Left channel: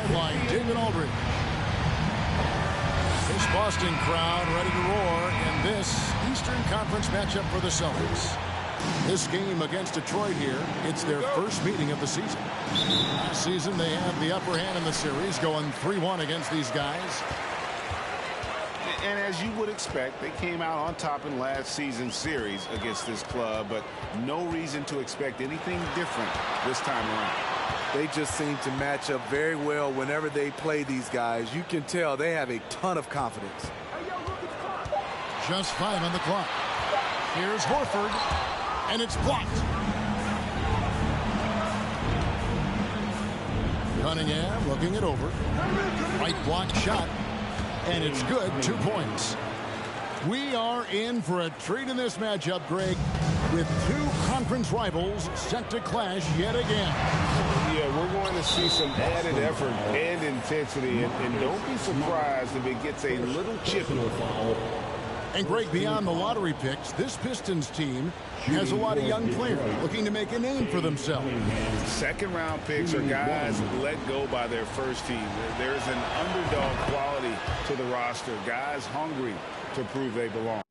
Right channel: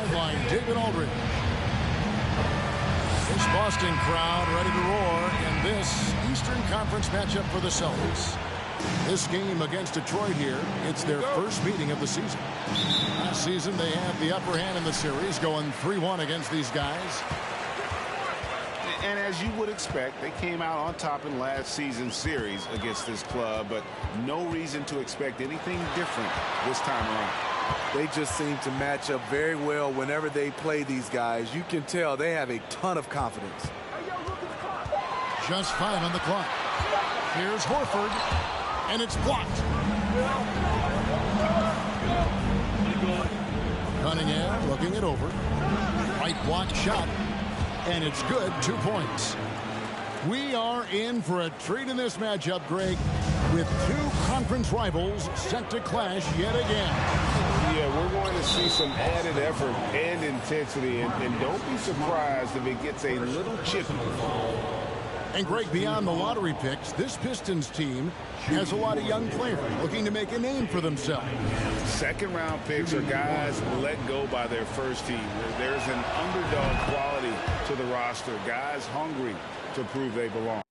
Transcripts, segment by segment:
Sideline, David Aldridge. This Boston crowd ready to roar in this Eastern Conference matchup for the Celtics. This game against Detroit here, it's their first meeting of the season. Last season, they had the upper hand in the series, going 3-1 against these guys. And as you would expect, they came out on top in last season's series against this club, but no reason to expect anything different this time around. They just seem to match up very well whenever they play these guys. You can tell they have a ton of confidence. Just 5 on the clock. Here's Horford, and it's blocked. Cunningham looking it over. Right block shot, and it's good. 2 points. We are in for a treat in this matchup, Greg, with two conference rivals set to clash yet again. Yeah, we're going to see some added effort and intensity, and don't be surprised if it gets a little chippy. And Greg, beyond the lottery picks, this Pistons team has a lot of young players looking to make a name for themselves. Second-round picks are guys let go by their first team. There's an underdog quality to the roster, guys hungry to prove they belong.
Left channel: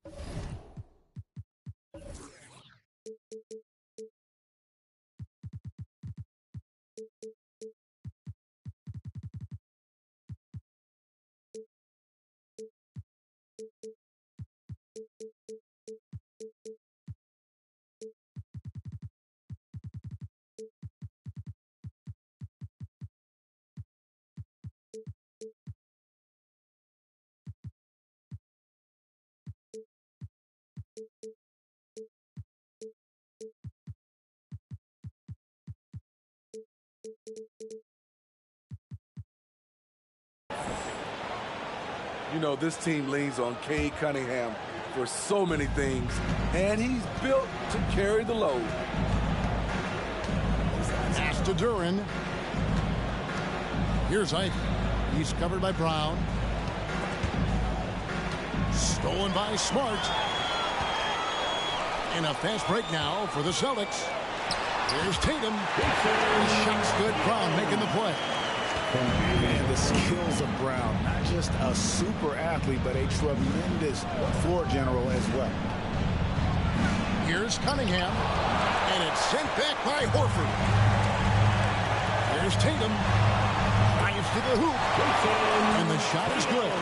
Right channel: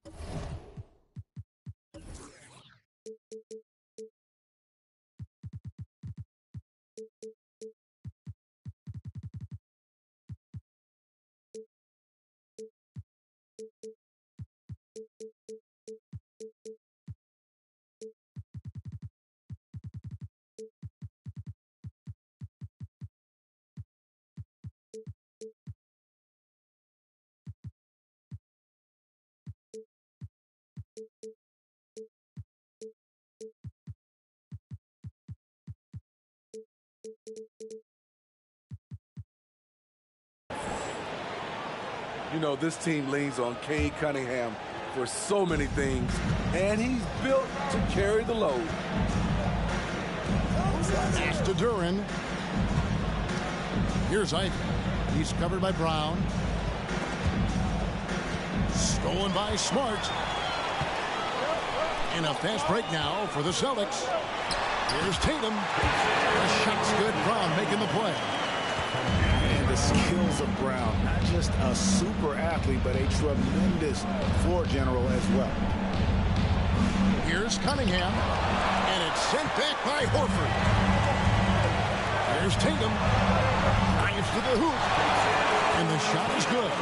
You know, this team leans on Cade Cunningham for so many things, and he's built to carry the load. Pass to Duran. Here's Ivey. He's covered by Brown. Stolen by Smart. And a fast break now for the Celtics. Here's Tatum. The shot's good. Brown making the play. And the skills of Brown, not just a super athlete, but a tremendous floor general as well. Here's Cunningham. And it's sent back by Horford. Here's Tatum. Drives to the hoop. And the shot is good.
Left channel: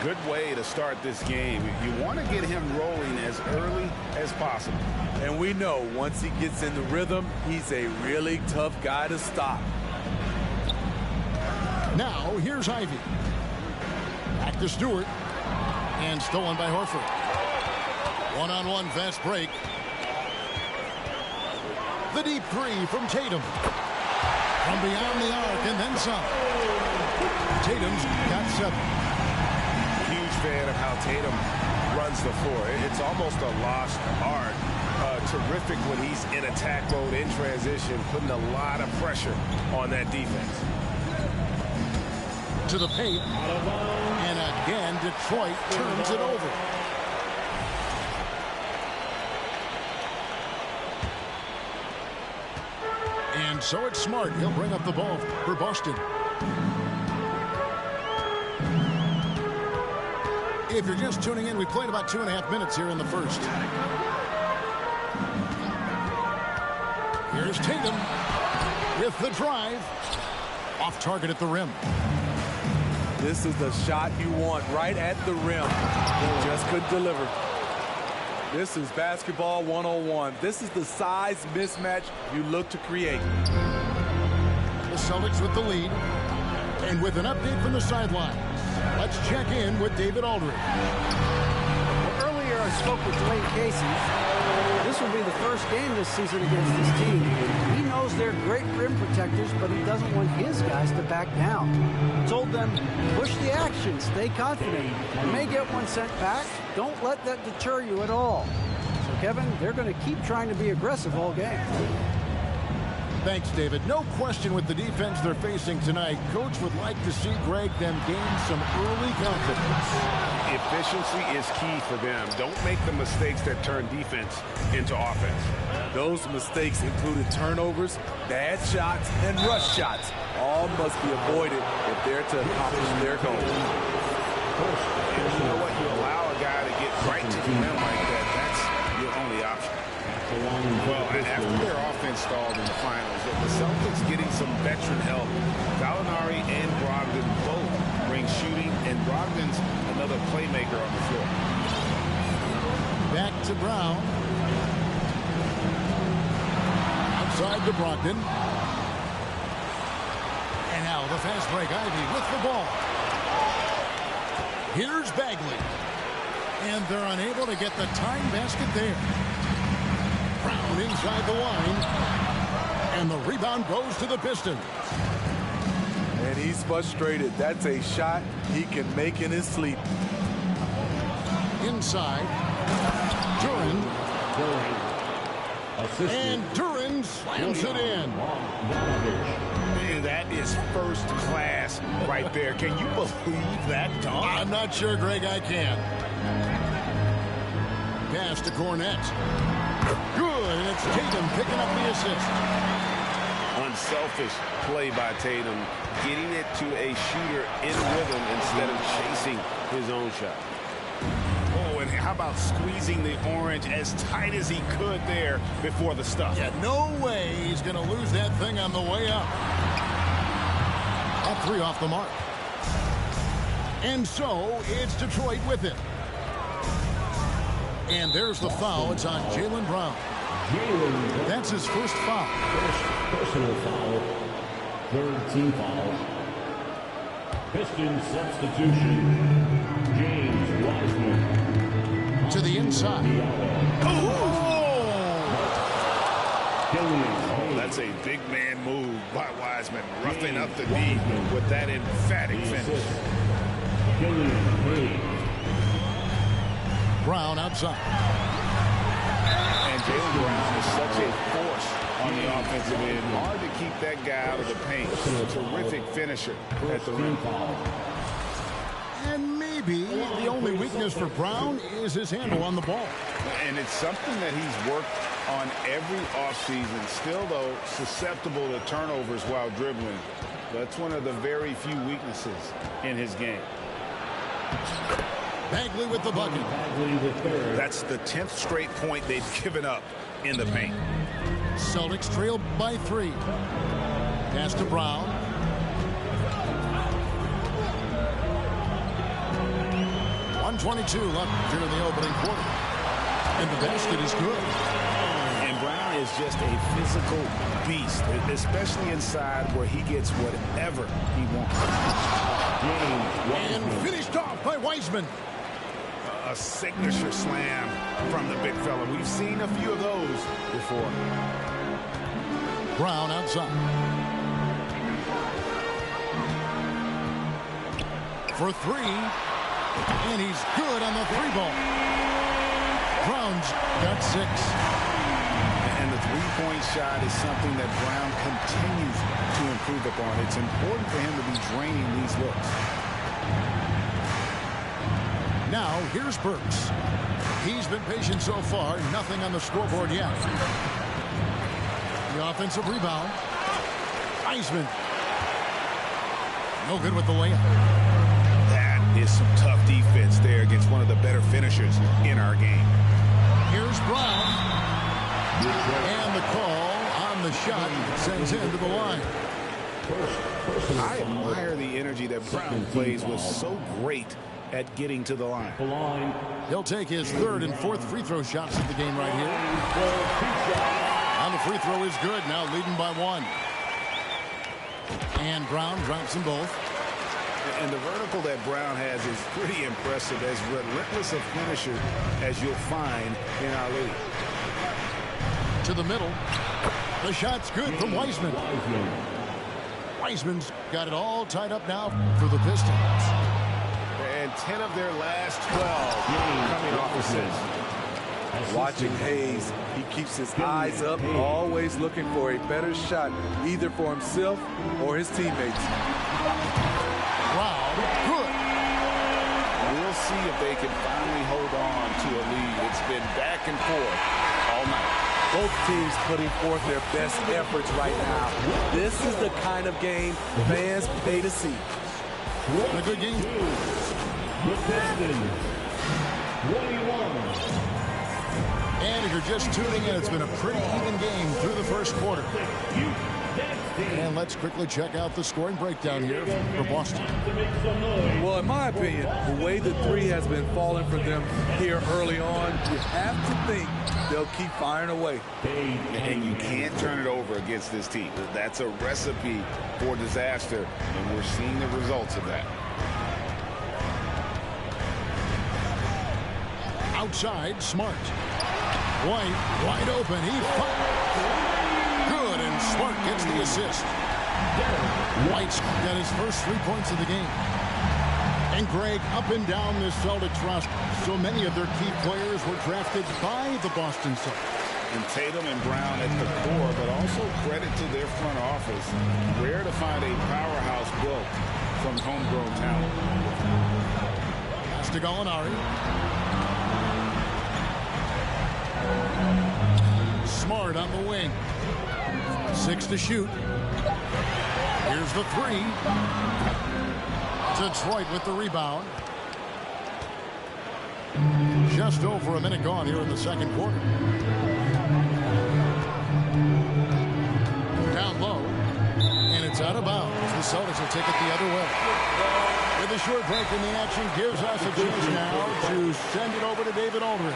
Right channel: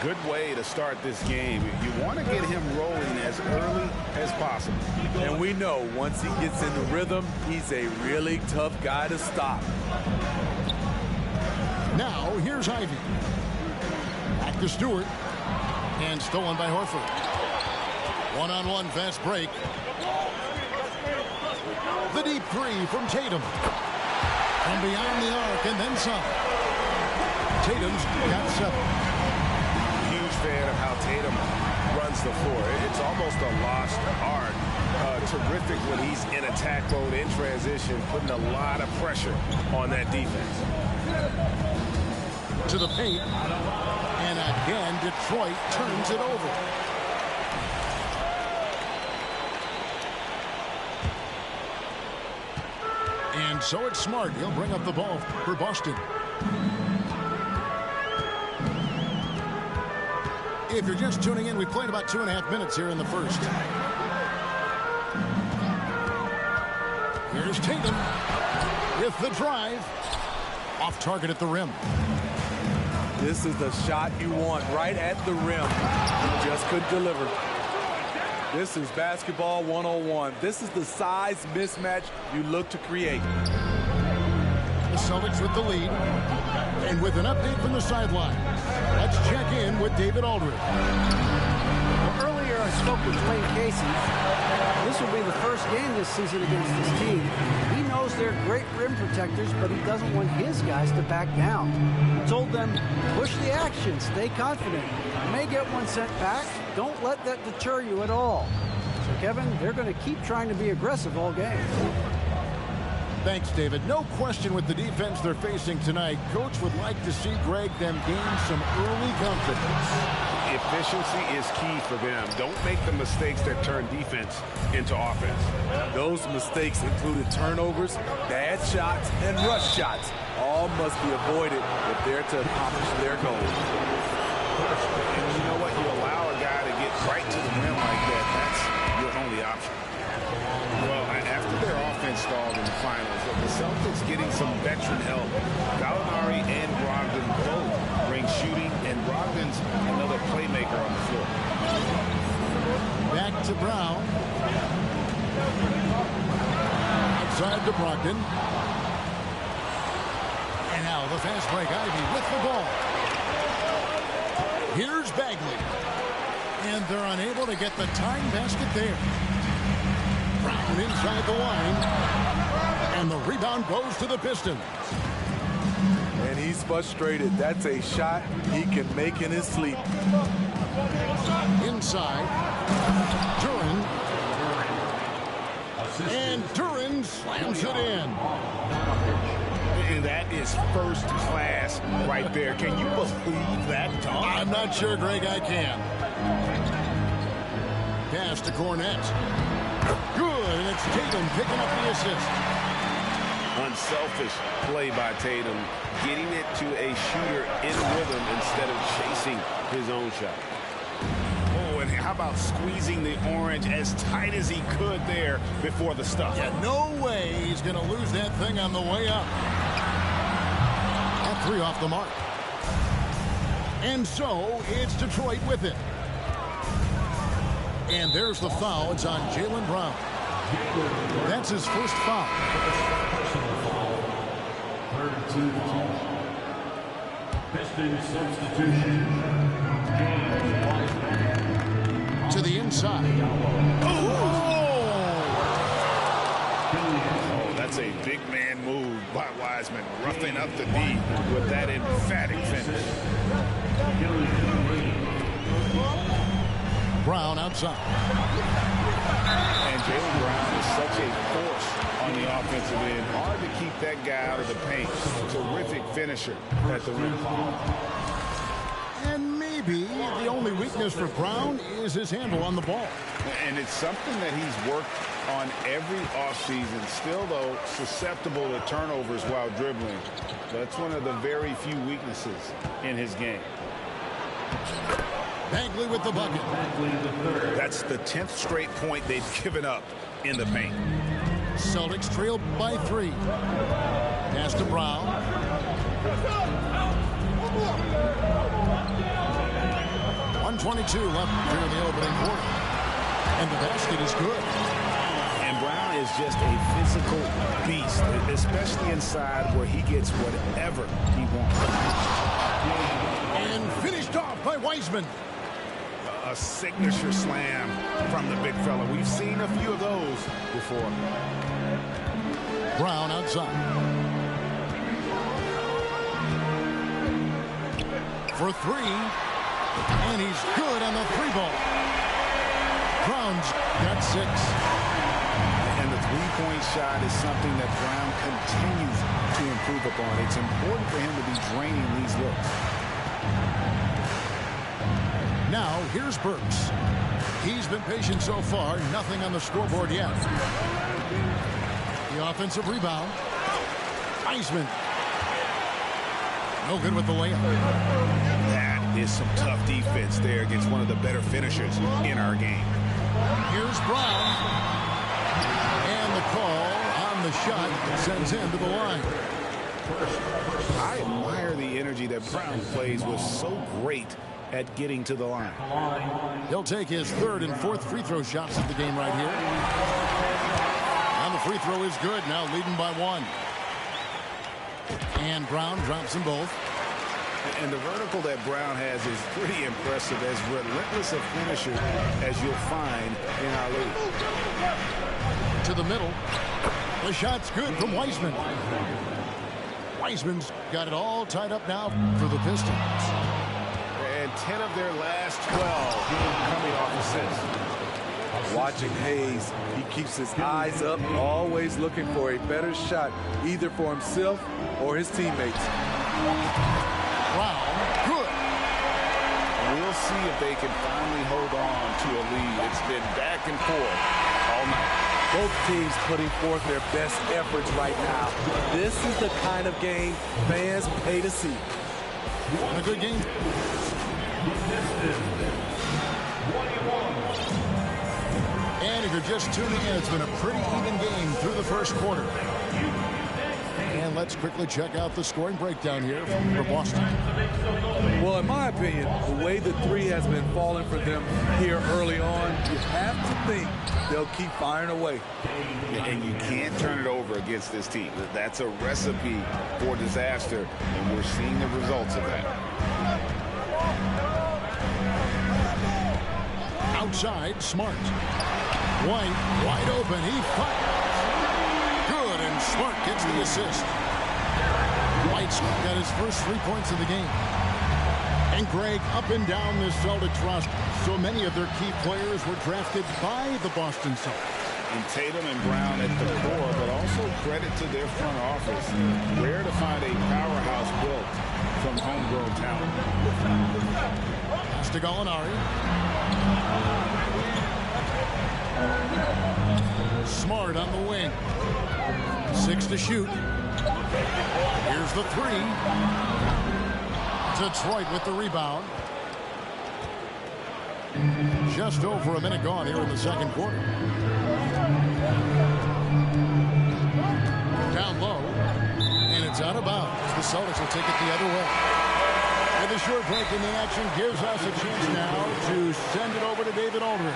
Good way to start this game. You want to get him rolling as early as possible. And we know once he gets in the rhythm, he's a really tough guy to stop. Now, here's Ivey. Back to Stewart. And stolen by Horford. One-on-one fast break. The deep three from Tatum. From beyond the arc and then some. Tatum's got 7. Huge fan of how Tatum runs the floor. It's almost a lost art. Terrific when he's in attack mode, in transition, putting a lot of pressure on that defense. To the paint. And again, Detroit turns it over. And so it's Smart. He'll bring up the ball for Boston. If you're just tuning in, we played about 2.5 minutes here in the first. Here's Tatum with the drive. Off target at the rim. This is the shot you want right at the rim. He just couldn't deliver. This is basketball 101. This is the size mismatch you look to create. The Celtics with the lead. And with an update from the sidelines, let's check in with David Aldridge. Well, earlier I spoke with Dwayne Casey. This will be the first game this season against this team. He knows they're great rim protectors, but he doesn't want his guys to back down. He told them, push the action, stay confident. You may get one sent back. Don't let that deter you at all. So, Kevin, they're going to keep trying to be aggressive all game. Thanks, David. No question with the defense they're facing tonight. Coach would like to see, Greg, them gain some early confidence. Efficiency is key for them. Don't make the mistakes that turn defense into offense. Those mistakes included turnovers, bad shots, and rush shots. All must be avoided if they're to accomplish their goal. And you know what? You allow a guy to get right to the rim like that. That's your only option. Well, after their offense stalled in the finals, the Celtics getting some veteran help. Gallinari and Brogdon both bring shooting, and Brogdon's another playmaker on the floor. Back to Brown. Outside to Brogdon. And now the fast break. Ivy with the ball. Here's Bagley. And they're unable to get the tying basket there. Brown inside the line. And the rebound goes to the Pistons. And he's frustrated. That's a shot he can make in his sleep. Inside. Duran. And Duran slams it in. And that is first class right there. Can you believe that dunk? I'm not sure, Greg, I can. Pass to Cornette. Good, and it's Tatum picking up the assist. Unselfish play by Tatum, getting it to a shooter in rhythm instead of chasing his own shot. Oh, and how about squeezing the orange as tight as he could there before the stuff? Yeah, no way he's going to lose that thing on the way up. At 3 off the mark. And so it's Detroit with it. And there's the foul. It's on Jaylen Brown. That's his first foul. Personal foul. Third team foul. Pistons substitution. James Wiseman. To the inside. Oh! Oh, that's a big man move by Wiseman, roughing up the D with that emphatic finish. Brown outside. And Jaylen Brown is such a force on the offensive end. Hard to keep that guy out of the paint. Terrific finisher at the rim. And maybe the only weakness for Brown is his handle on the ball. And it's something that he's worked on every offseason. Still, though, susceptible to turnovers while dribbling. That's one of the very few weaknesses in his game. Bagley with the bucket. That's the 10th straight point they've given up in the paint. Celtics trail by 3. Pass to Brown. .122 left here in the opening quarter. And the basket is good. And Brown is just a physical beast, especially inside where he gets whatever he wants. And finished off by Wiseman. A signature slam from the big fella. We've seen a few of those before. Brown outside. For 3. And he's good on the 3-ball. Brown's got 6. And the three-point shot is something that Brown continues to improve upon. It's important for him to be draining these looks. Now, here's Burks. He's been patient so far. Nothing on the scoreboard yet. The offensive rebound. Wiseman. No good with the layup. That is some tough defense there against one of the better finishers in our game. Here's Brown. And the call on the shot sends him to the line. I admire the energy that Brown plays with. So great at getting to the line. He'll take his 3rd and 4th free throw shots of the game right here. And the free throw is good. Now leading by 1. And Brown drops them both. And the vertical that Brown has is pretty impressive. As relentless a finisher as you'll find in our league. To the middle. The shot's good from Wiseman. Wiseman's got it all tied up now for the Pistons. And 10 of their last 12 coming off assists. Watching Hayes, he keeps his eyes up, always looking for a better shot, either for himself or his teammates. Brown, good. We'll see if they can finally hold on to a lead. It's been back and forth all night. Both teams putting forth their best efforts right now. This is the kind of game fans pay to see. And a good game. The Pistons. 21. And if you're just tuning in, it's been a pretty even game through the first quarter. And let's quickly check out the scoring breakdown here for Boston. Well, in my opinion, the way the three has been falling for them here early on, you have to think they'll keep firing away. And you can't turn it over against this team. That's a recipe for disaster, and we're seeing the results of that. Outside, Smart. White, wide open. He fires. Good, and Smart gets the assist. White's got his first 3 points of the game. And Greg, up and down this Celtics roster, so many of their key players were drafted by the Boston Celtics. And Tatum and Brown at the core, but also credit to their front office. Rare to find a powerhouse built from homegrown talent. Pass to Gallinari. Smart on the wing. 6 to shoot. Here's the 3. Detroit with the rebound. Just over a minute gone here in the second quarter. Down low. And it's out of bounds. The Celtics will take it the other way. With a short break in the action, gives us a chance now to send it over to David Aldridge.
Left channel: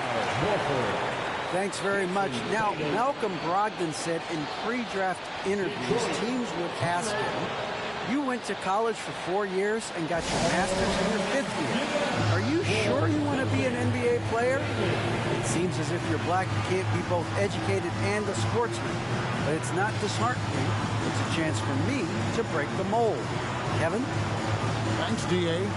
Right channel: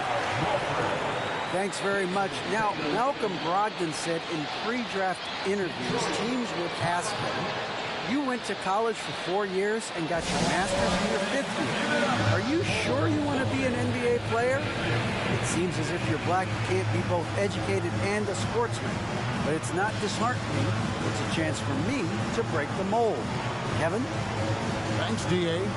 Thanks very much. Now, Malcolm Brogdon said in pre-draft interviews, teams would ask him, you went to college for 4 years and got your master's in your 5th year. Are you sure you want to be an NBA player? It seems as if you're black, you can't be both educated and a sportsman. But it's not disheartening. It's a chance for me to break the mold. Kevin? Thanks, D.A.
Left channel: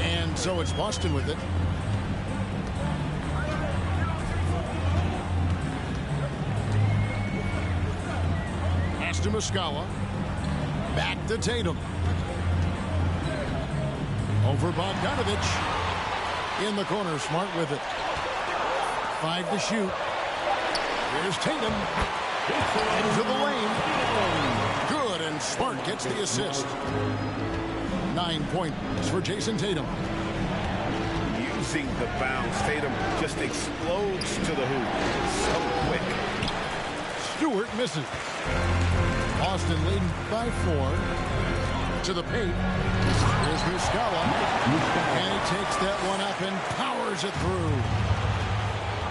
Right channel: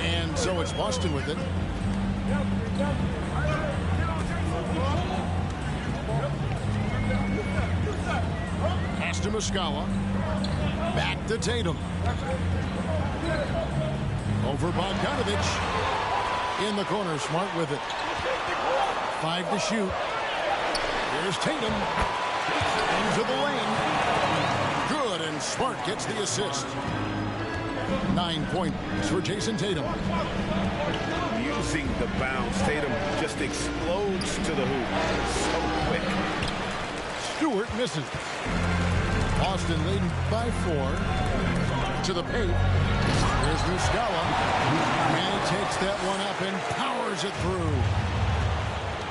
And so it's Boston with it. Pass to Muscala. Back to Tatum. Over Bogdanovich. In the corner, Smart with it. 5 to shoot. Here's Tatum. Into the lane. Good, and Smart gets the assist. 9 points for Jason Tatum. Using the bounce, Tatum just explodes to the hoop. It's so quick. Stewart misses. Boston leading by 4. To the paint. Here's Muscala. And he takes that one up and powers it through.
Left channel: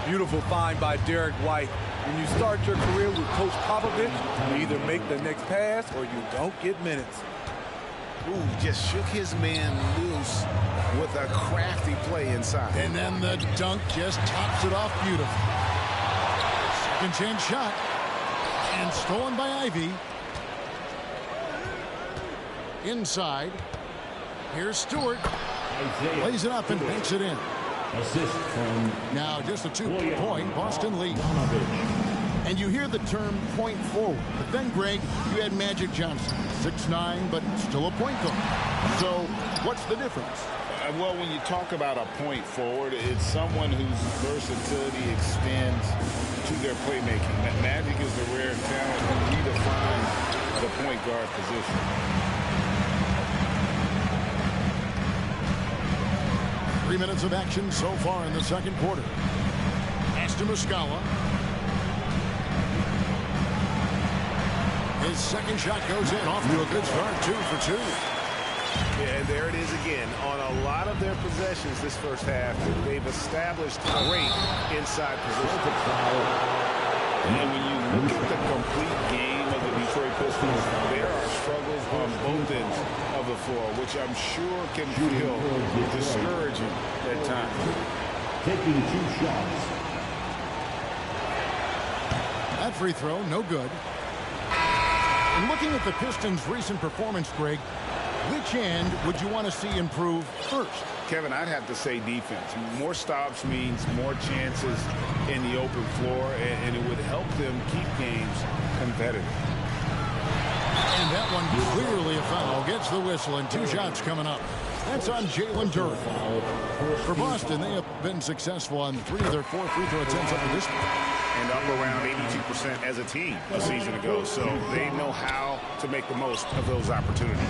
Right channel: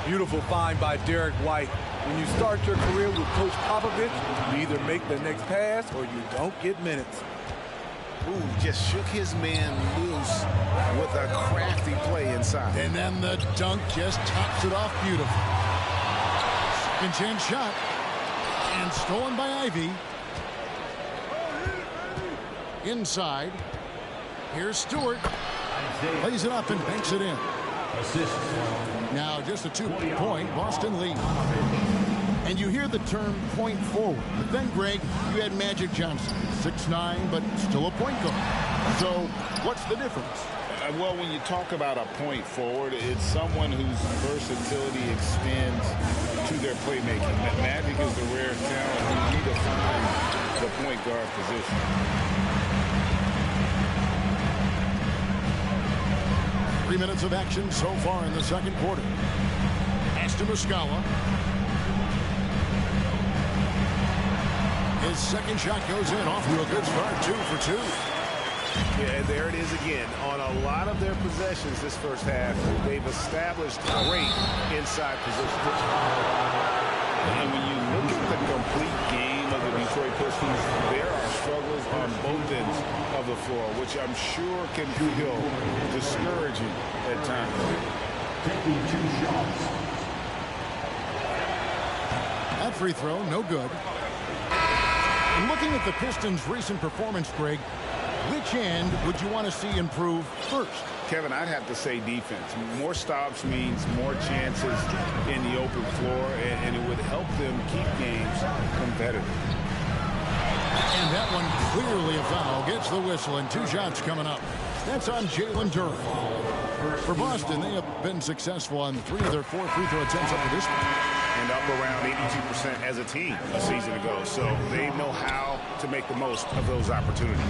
Beautiful find by Derek White. When you start your career with Coach Popovich, you either make the next pass or you don't get minutes. Ooh, just shook his man loose with a crafty play inside. And then the dunk just tops it off beautifully. Second chance shot. And stolen by Ivy. Inside. Here's Stewart. Lays it up and banks it in. Assist from Now just a 2-point Boston lead. And you hear the term point forward. But then, Greg, you had Magic Johnson. 6'9", but still a point guard. So what's the difference? Well, when you talk about a point forward, it's someone whose versatility extends to their playmaking. Magic is the rare talent who redefines the point guard position. Three minutes of action so far in the second quarter. Pass to Muscala. His second shot goes in. Off to a good start. 2 for 2. Yeah, and there it is again. On a lot of their possessions this first half, they've established great inside position. And when you look at the complete game of the Detroit Pistons, there are struggles on both ends of the floor, which I'm sure can feel discouraging at times. taking 2 shots. That free throw, no good. And looking at the Pistons' recent performance, Greg, Which end would you want to see improve first? Kevin, I'd have to say defense. More stops means more chances in the open floor, and it would help them keep games competitive. And that one clearly a foul. Gets the whistle, and 2 shots coming up. That's on Jalen Durham. For Boston, they have been successful on 3 of their 4 free throw attempts up to this point. And up around 82% as a team a season ago. So they know how to make the most of those opportunities.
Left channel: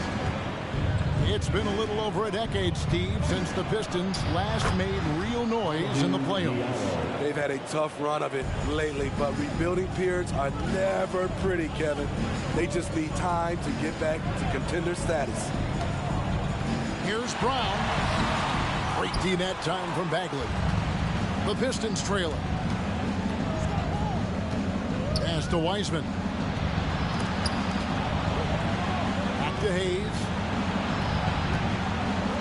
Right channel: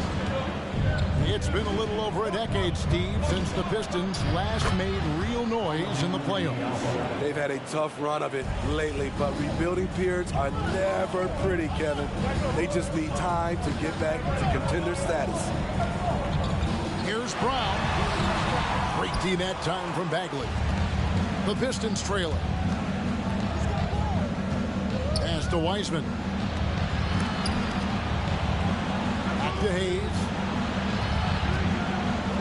It's been a little over a decade, Steve, since the Pistons last made real noise in the playoffs. They've had a tough run of it lately, but rebuilding periods are never pretty, Kevin. They just need time to get back to contender status. Here's Brown. Great D that time from Bagley. The Pistons trailing. Pass to Wiseman. Back to Hayes.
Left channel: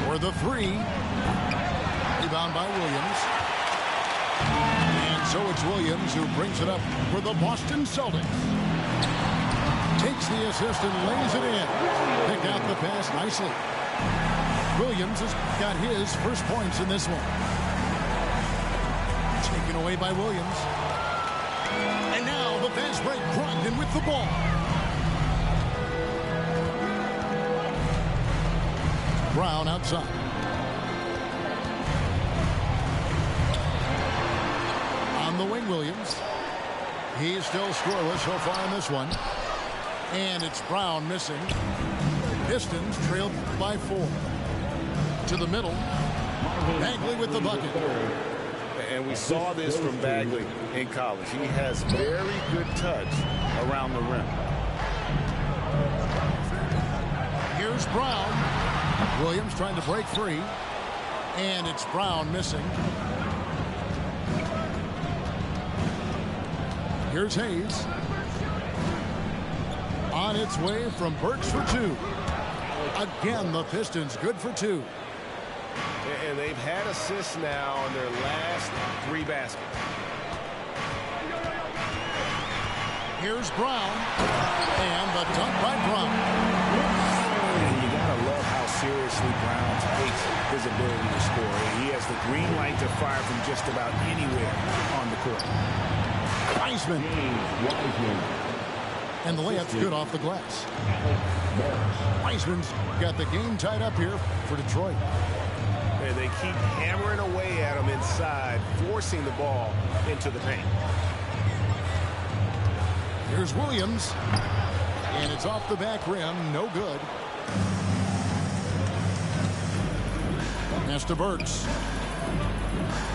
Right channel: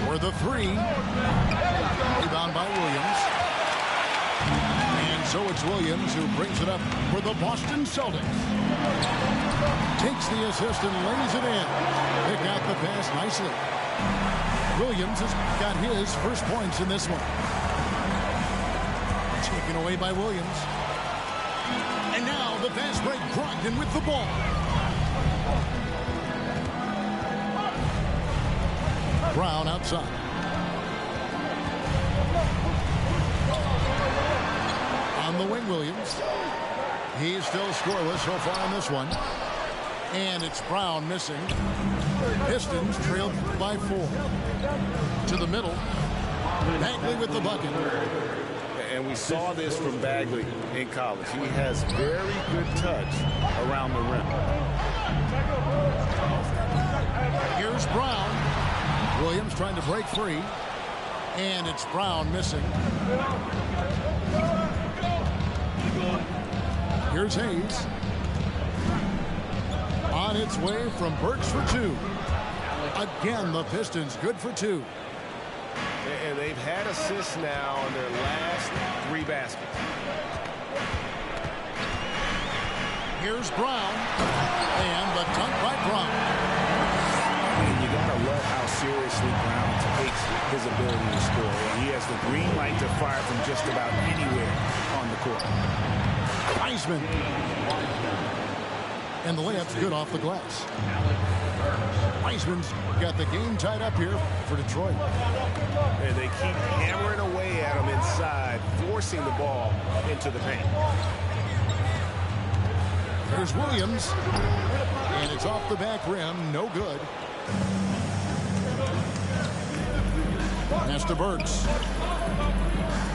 For the 3. Rebound by Williams. And so it's Williams who brings it up for the Boston Celtics. Takes the assist and lays it in. Picked out the pass nicely. Williams has got his first points in this one. Taken away by Williams. And now the fast break. Brogdon with the ball. Brown outside. On the wing, Williams. He's still scoreless so far in this one. And it's Brown missing. Pistons trailed by 4. To the middle. Bagley with the bucket. And we saw this from Bagley in college. He has very good touch around the rim. Here's Brown. Williams trying to break free. And it's Brown missing. Here's Hayes. On its way from Burks for 2. Again, the Pistons good for 2. And they've had assists now on their last 3 baskets. Here's Brown. And the dunk by Brown. And you got to love how seriously Brown takes his ability to score. And he has the green light to fire from just about anywhere on the court. Wiseman. And the layup's good off the glass. Wiseman's got the game tied up here for Detroit. And they keep hammering away at him inside, forcing the ball into the paint. Here's Williams. And it's off the back rim. No good. Pass to Burks.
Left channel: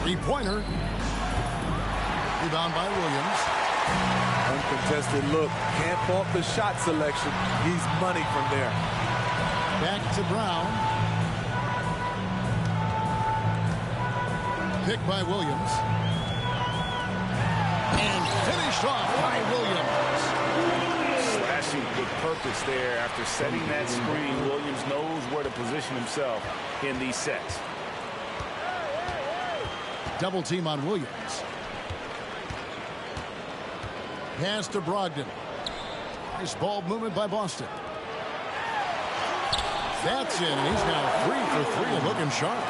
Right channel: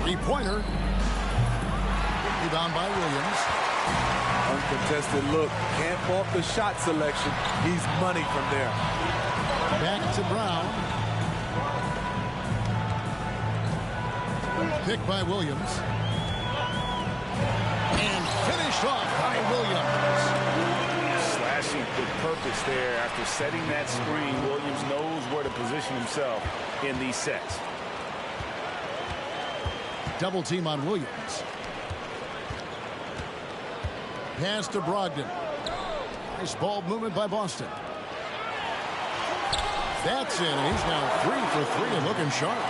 3-pointer. Rebound by Williams. Uncontested look. Can't fault the shot selection. He's money from there. Back to Brown. Picked by Williams. And finished off by Williams. Slashing with purpose there. After setting that screen, Williams knows where to position himself in these sets. Double team on Williams. Pass to Brogdon. Nice ball movement by Boston. That's in, and he's now 3 for 3 and looking sharp.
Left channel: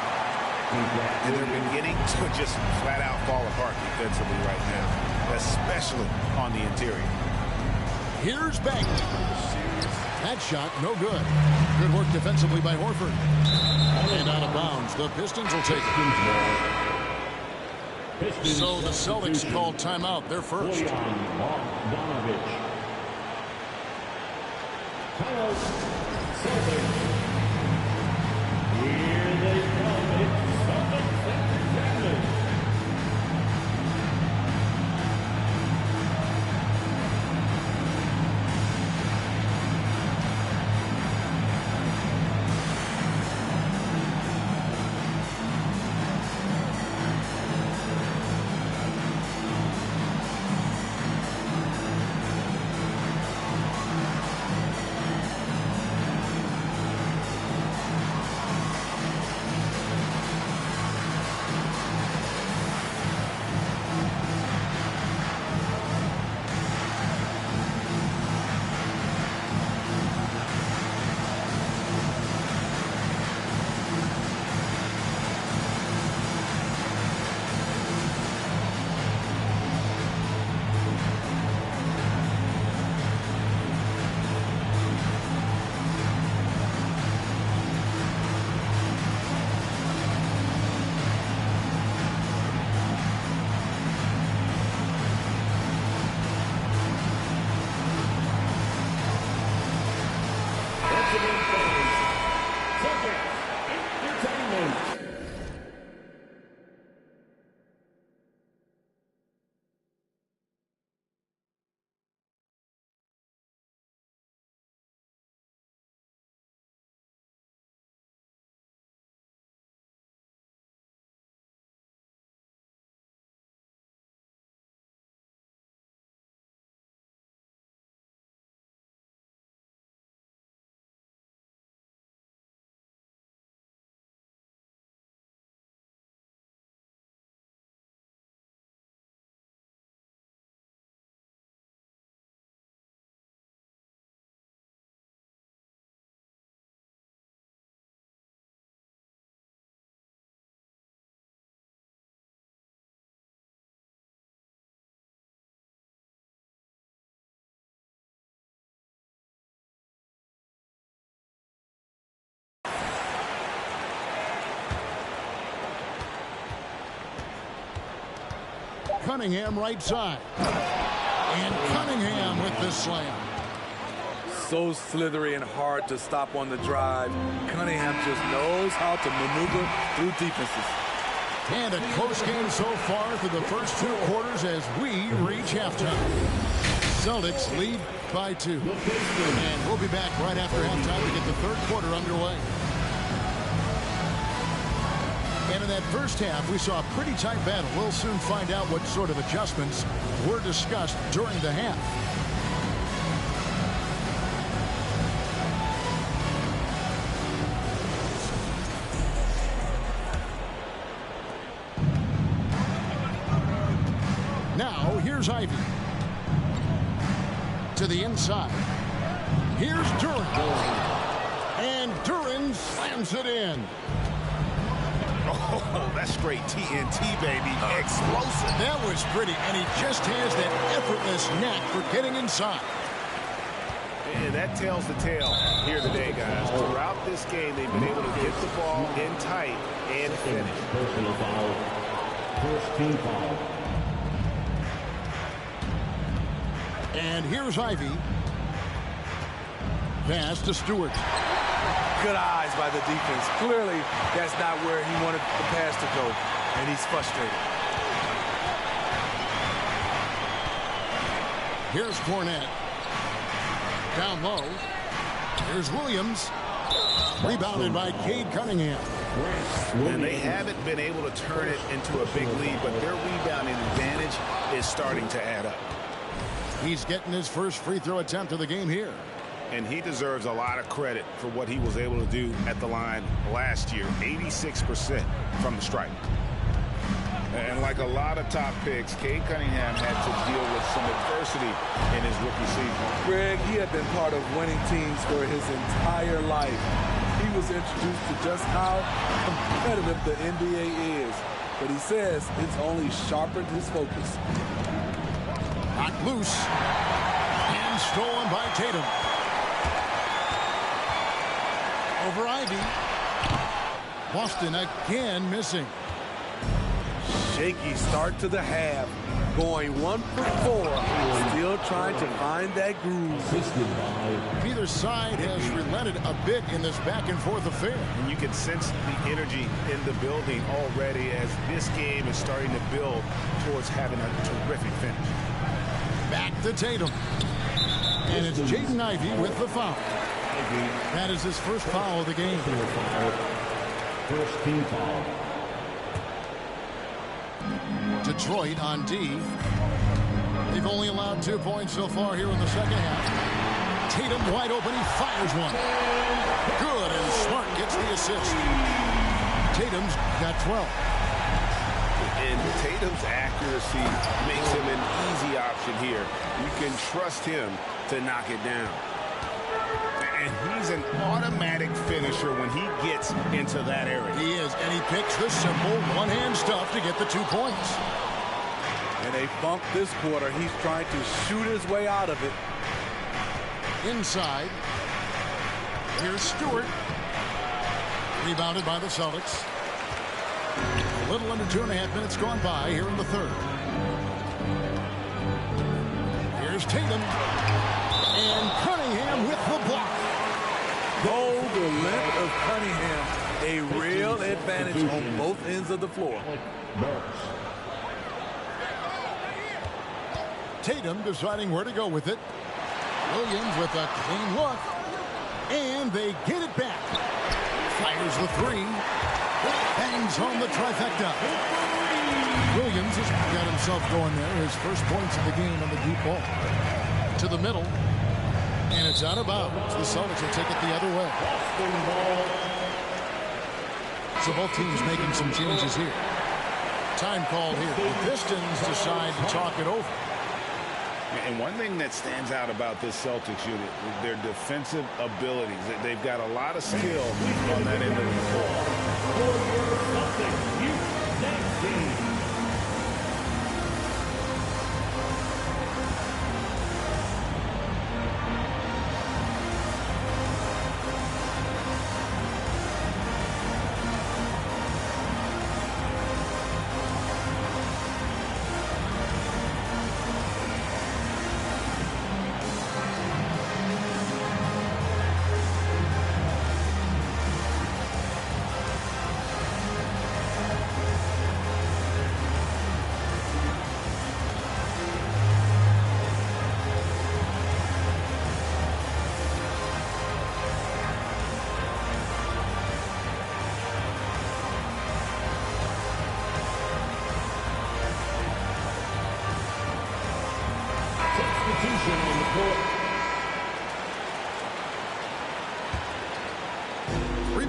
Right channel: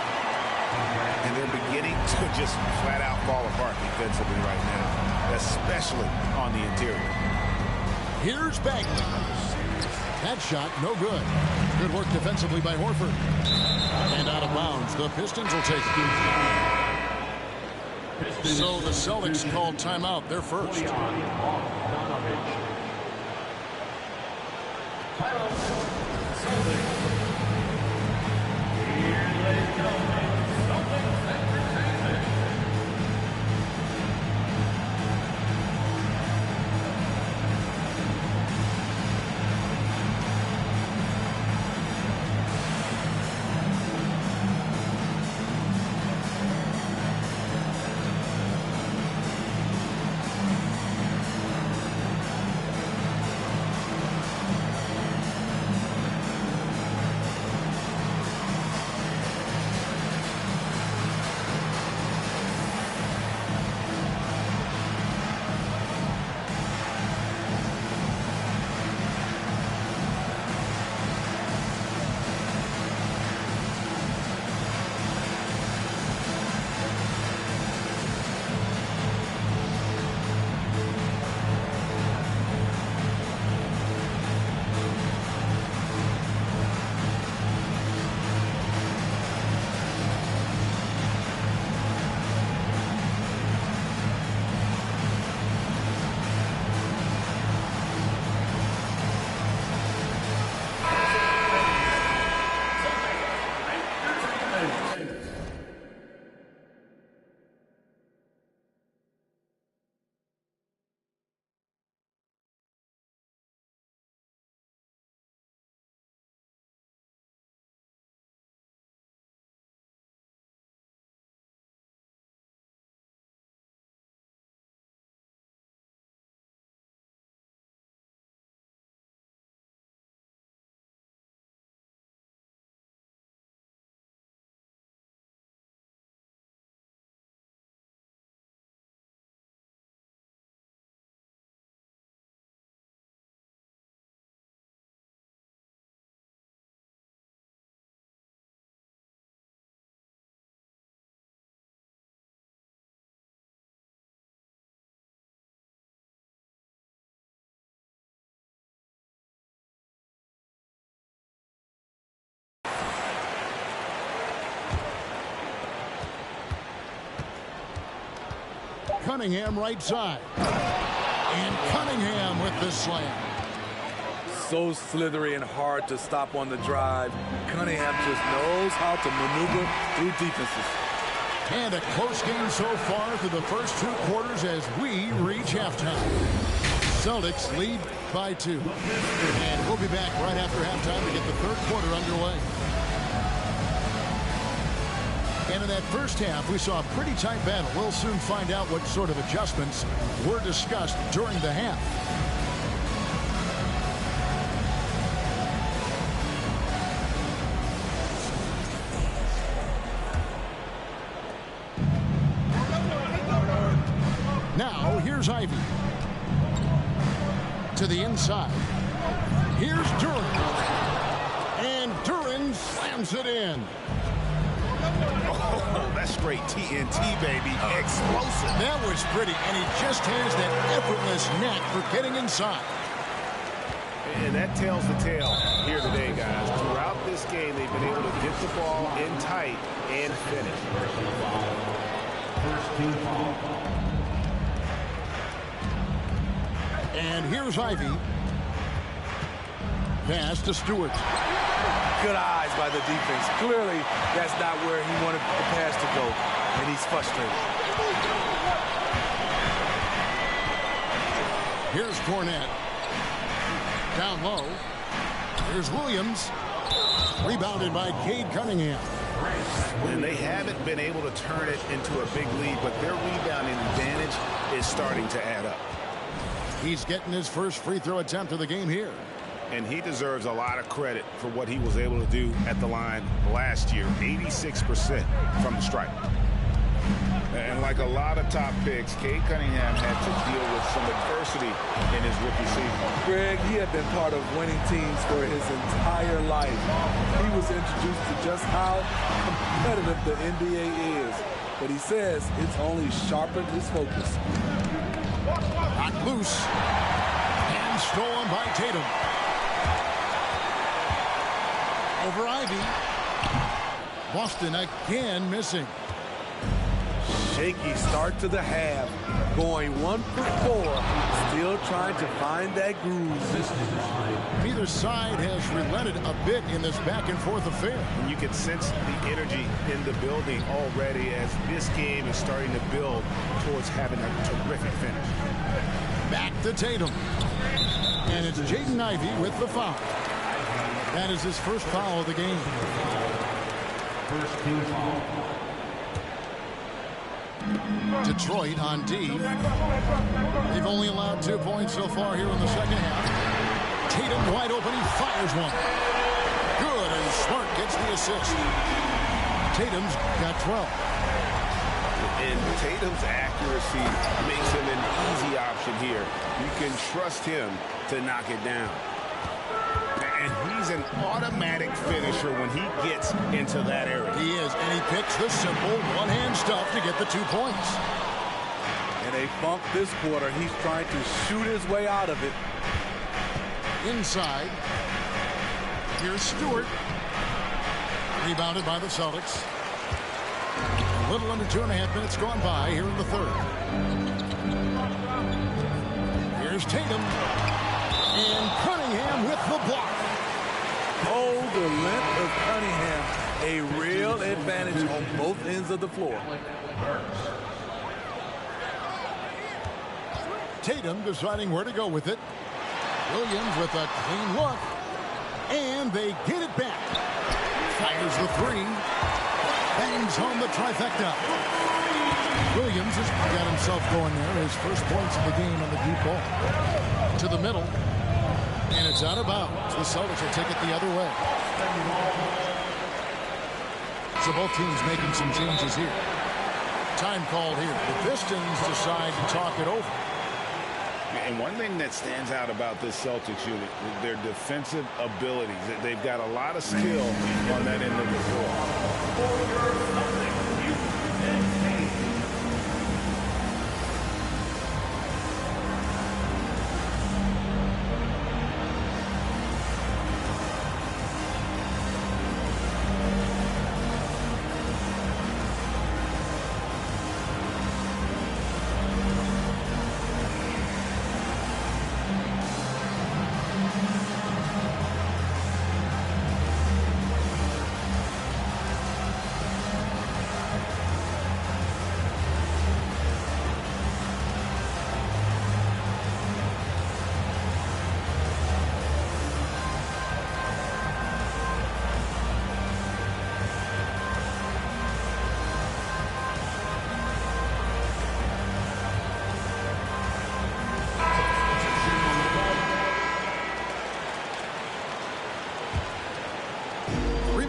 And they're beginning to just flat out fall apart defensively right now, especially on the interior. Here's Bagley. That shot, no good. Good work defensively by Horford. And out of bounds. The Pistons will take it. So the Celtics called timeout. They're first. Cunningham right side. And Cunningham with the slam. So slithery and hard to stop on the drive. Cunningham just knows how to maneuver through defenses. And a close game so far through the first 2 quarters as we reach halftime. Celtics lead by 2. And we'll be back right after halftime to get the third quarter underway. And in that first half, we saw a pretty tight battle. We'll soon find out what sort of adjustments were discussed during the half. Now, here's Ivy. To the inside. Here's Duren. And Duren slams it in. Oh, that's straight TNT, baby. Explosive. That was pretty, and he just has that effortless knack for getting inside. And that tells the tale here today, guys. Throughout this game, they've been able to get the ball in tight and finish. Personal foul. First team foul. And here's Ivy. Pass to Stewart. Good eyes by the defense. Clearly, that's not where he wanted the pass to go, and he's frustrated. Here's Cornette. Down low. Here's Williams. Rebounded by Cade Cunningham. And they haven't been able to turn it into a big lead, but their rebounding advantage is starting to add up. He's getting his first free throw attempt of the game here. And he deserves a lot of credit for what he was able to do at the line last year. 86% from the stripe. And like a lot of top picks, Cade Cunningham had to deal with some adversity in his rookie season. Greg, he had been part of winning teams for his entire life. He was introduced to just how competitive the NBA is. But he says it's only sharpened his focus. Knocked loose. And stolen by Tatum. Over Ivy. Boston again missing. Shaky start to the half. Going 1 for 4. Still trying to find that groove. Neither side has relented a bit in this back and forth affair. And you can sense the energy in the building already as this game is starting to build towards having a terrific finish. Back to Tatum. And it's Jaden Ivey with the foul. That is his first foul of the game. First team foul. Detroit on D. They've only allowed 2 points so far here in the second half. Tatum wide open. He fires one. Good, and Smart gets the assist. Tatum's got 12. And Tatum's accuracy makes him an easy option here. You can trust him to knock it down. And he's an automatic finisher when he gets into that area. He is, and he picks the simple one-hand stuff to get the 2 points. And they bump this quarter. He's trying to shoot his way out of it. Inside. Here's Stewart. Rebounded by the Celtics. A little under 2.5 minutes gone by here in the third. Here's Tatum. And Cunningham with the block. Oh, the length of Cunningham. A real advantage on both ends of the floor. Tatum deciding where to go with it. Williams with a clean look. And they get it back. Fires the 3. Bangs home the trifecta. Williams has got himself going there. His first points of the game on the deep ball. To the middle. And it's out of bounds. The Celtics will take it the other way. So both teams making some changes here. Time called here. The Pistons decide to talk it over. And one thing that stands out about this Celtics unit, their defensive abilities. They've got a lot of skill on that end of the floor.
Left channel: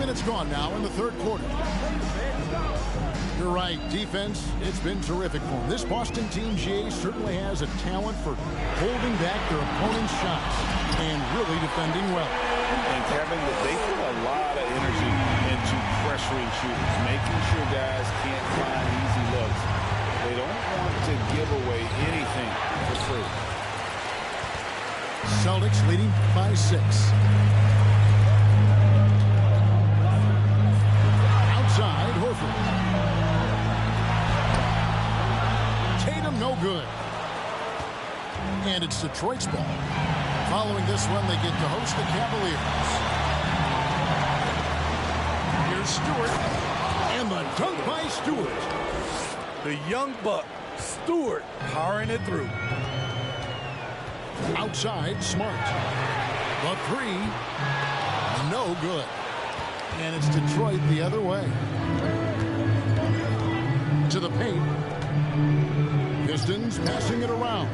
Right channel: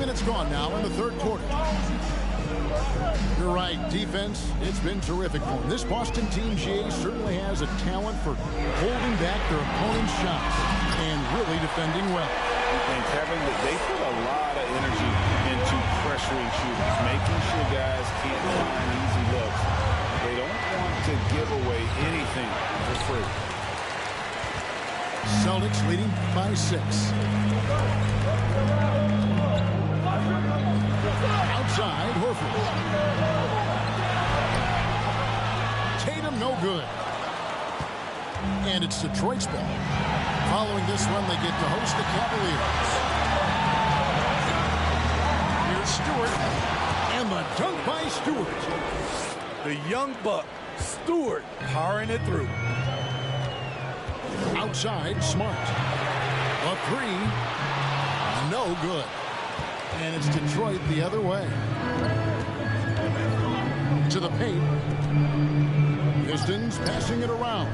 minutes gone now in the third quarter. You're right. Defense, it's been terrific for them. This Boston team, GA, certainly has a talent for holding back their opponent's shots and really defending well. And Kevin, they put a lot of energy into pressuring shooters, making sure guys can't find easy looks. They don't want to give away anything for free. Celtics leading by 6. Outside, Horford. Tatum no good. And it's Detroit's ball. Following this one, they get to host the Cavaliers. Here's Stewart. And the dunk by Stewart. The young buck, Stewart, powering it through. Outside, Smart. The 3. No good. And it's Detroit the other way. To the paint. Pistons passing it around.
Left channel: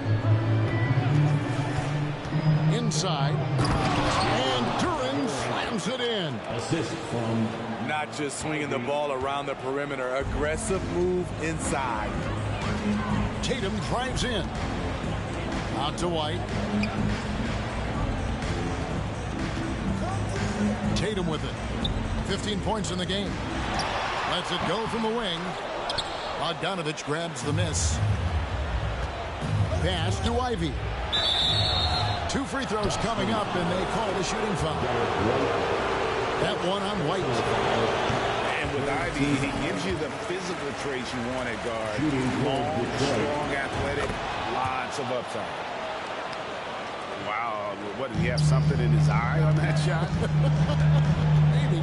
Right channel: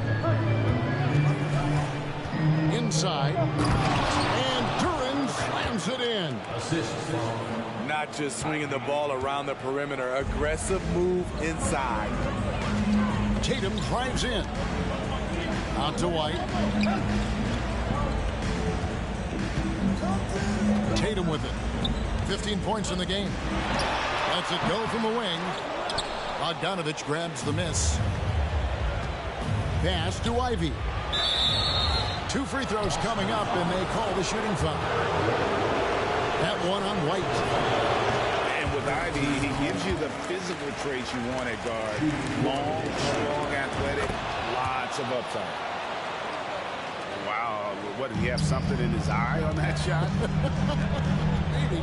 Inside. And Duran slams it in. Assist from Not just swinging the ball around the perimeter. Aggressive move inside. Tatum drives in. Out to White. Tatum with it. 15 points in the game. Lets it go from the wing. Bogdanovich grabs the miss. Pass to Ivy. 2 free throws coming up, and they call the shooting foul. That one on White. And with Ivy, he gives you the physical traits you want at guard. Long, strong, athletic, lots of upside. Wow, what, did he have something in his eye on that shot? Maybe.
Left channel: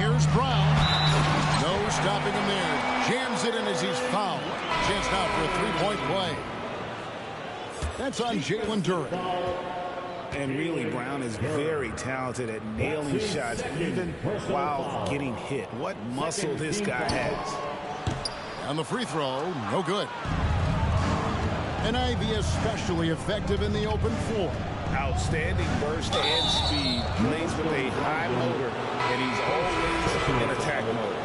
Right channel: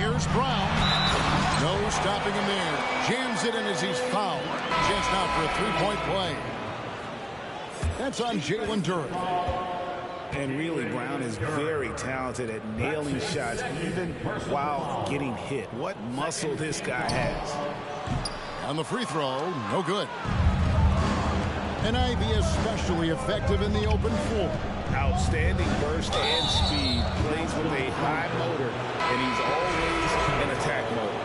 Here's Brown. No stopping him there. Jams it in as he's fouled. Chance now for a 3-point play. That's on Jalen Duran. And really, Brown is very talented at nailing shots, even while getting hit. What muscle this guy has. And the free throw, no good. And Ivy especially effective in the open floor. Outstanding burst and speed. Plays with a high motor, and he's always in attack mode.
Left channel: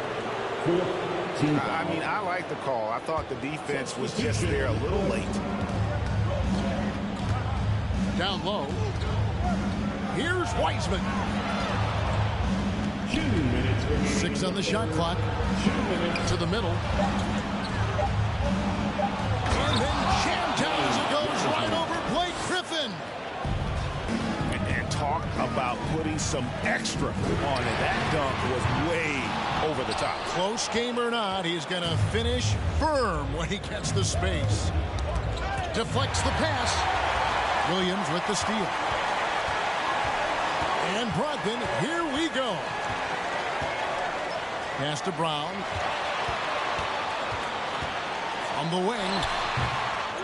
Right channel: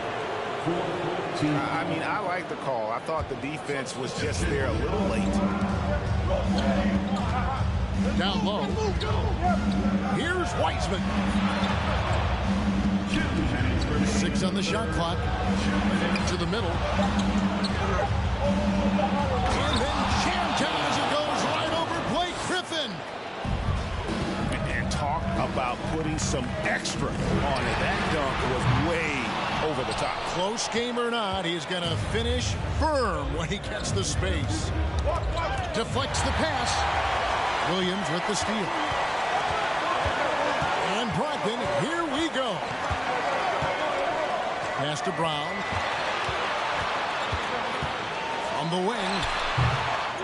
I mean, I like the call. I thought the defense was just there a little late. Down low. Here's Wiseman. 6 on the shot clock. To the middle. And then jammed down as it goes right over Blake Griffin. And talk about putting some extra on it. That dunk was way over the top. Close game or not, he's going to finish firm when he gets the space. Deflects the pass. Williams with the steal. And Brogdon, here we go. Pass to Brown. From the wing.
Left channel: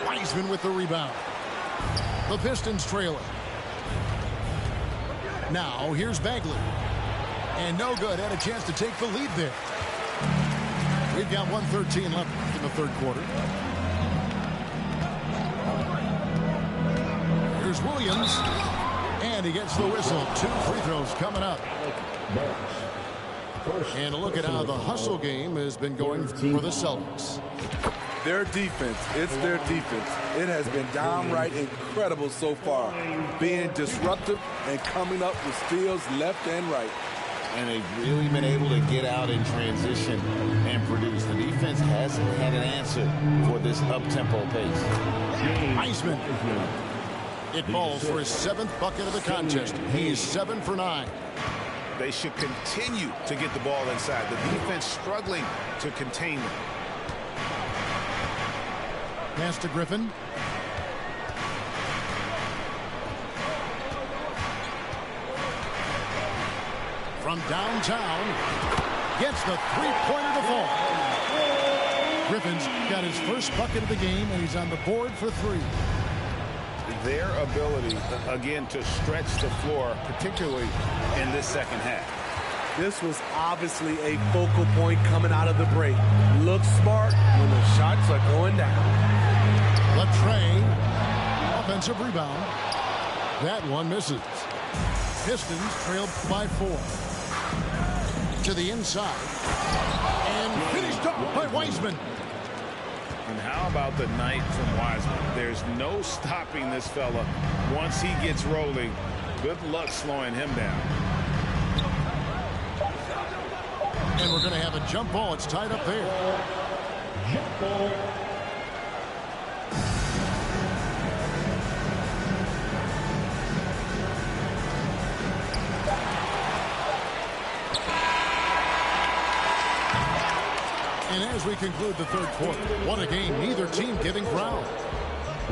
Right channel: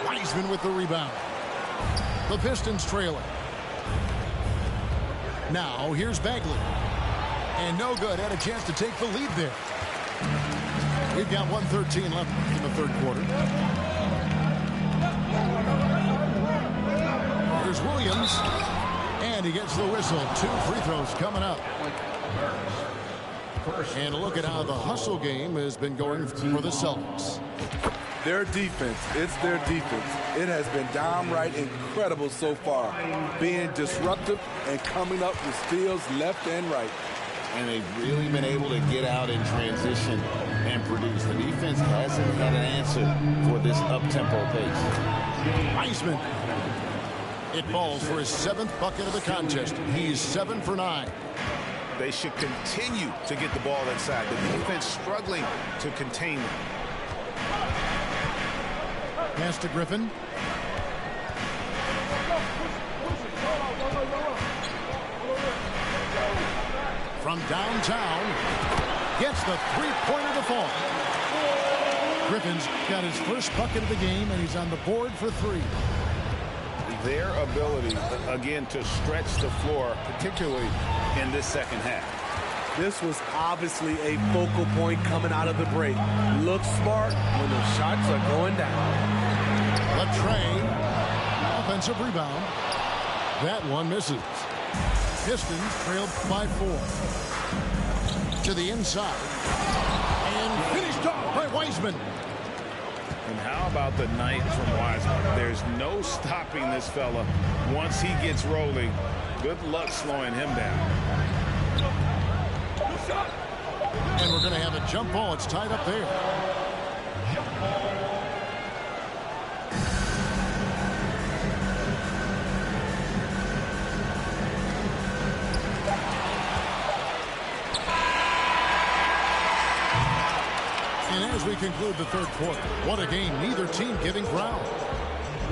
Wiseman with the rebound. The Pistons trailing. Now here's Bagley. And no good. Had a chance to take the lead there. We've got 1:13 left in the third quarter. Here's Williams. And he gets the whistle. 2 free throws coming up. And a look at how the hustle game has been going for the Celtics. Their defense, it's their defense. It has been downright incredible so far. Being disruptive and coming up with steals left and right. And they've really been able to get out in transition and produce. The defense hasn't had an answer for this up-tempo pace. Wiseman. It falls for his 7th bucket of the contest. He's 7 for 9. They should continue to get the ball inside. The defense struggling to contain them. Pass to Griffin. From downtown, gets the 3-pointer to fall. Griffin's got his first bucket of the game, and he's on the board for 3. Their ability, again, to stretch the floor, particularly in this second half. This was obviously a focal point coming out of the break. Look smart when the shots are going down. Latrey, offensive rebound. That one misses. Pistons trail by 4. To the inside. And finished off by Wiseman. And how about the night from Wiseman? There's no stopping this fella once he gets rolling. Good luck slowing him down. And we're going to have a jump ball. It's tied up there. Jump ball. And as we conclude the third quarter, what a game. Neither team giving ground.